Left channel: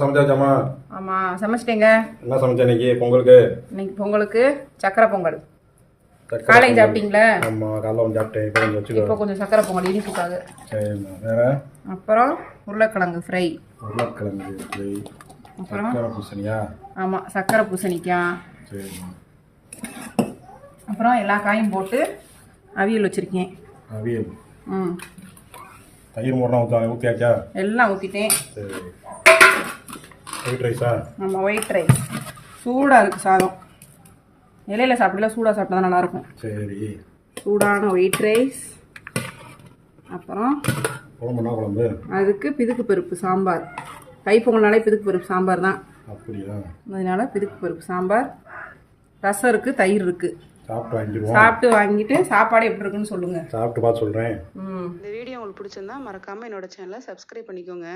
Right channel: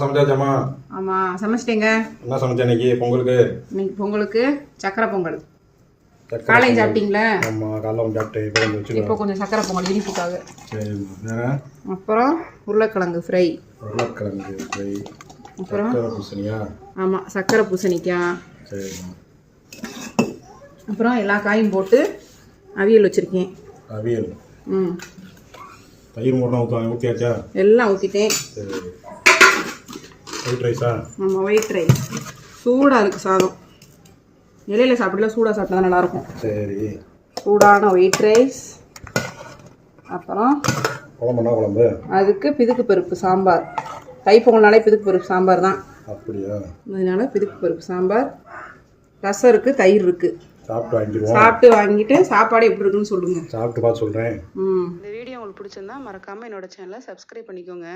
சமைச்சாச்சாமா? ஆமாம் சமைச்சிட்டேங்க. என்ன சமைச்சா இன்னைக்கு பொங்கலுக்கு? இன்னைக்கு பொங்கலுக்கு சக்கரை பொங்கல். காலையும் சாப்பிட்டீங்களா? ஆமாம், காலைல கொஞ்சம் சாப்பிட்டேன். இப்போ கொஞ்சம் வச்சுக்கோ. இப்போ கொஞ்சம் சக்கரை பொங்கல் இனிப்புக்காக. சரிம்மா. வேறு? அப்புறம் உருளைக்கிழங்கு ஃப்ரை. உருளைக்கிழங்கு ஃப்ரை. அப்புறம் சக்கரை பூசணியா? ஆமாம், சக்கரை பூசணிக்காய். சரிம்மா. அப்புறம் எல்லா காயும் போட்டு அவியல் வச்சுருக்கேன். அவியல். ம். தயிர் மூணு ஊற்றியாச்சா? எல்லாம் ஊற்றிட்டேன். சரி. ஒயிட் ரைஸா? ஆமாம், ஒயிட் ரைஸ். சூடாக இருக்குது சாதம். இலையில் சாப்பிடல, சூடாக சாப்பிட்டா தான் நல்லாயிருக்கும். சரி. சூடான ஒயிட் ரைஸ். அப்புறம் குழம்புனா குழம்பு? அதுக்கு பிதுக்கு பருப்பு சாம்பார். தைப்பொங்கல்னாலே பிதுக்கு பருப்பு சாம்பார் தான். அப்படியா? அதனால பிதுக்கு பருப்பு சாம்பார். ரசம் இருக்குது, தயிர் இருக்குது. சாப்பிட்டு வாங்கிட்டு சாப்பாடு எப்படி இருக்குன்னு சொல்லுங்கள். சாப்பிட்டு பார்த்து சொல்கிறேன். இந்த வீடியோ உங்களுக்கு பிடிச்சிருந்தா மறக்காமல் என்னோட சேனலை சப்ஸ்கிரைப் பண்ணிக்கோங்க.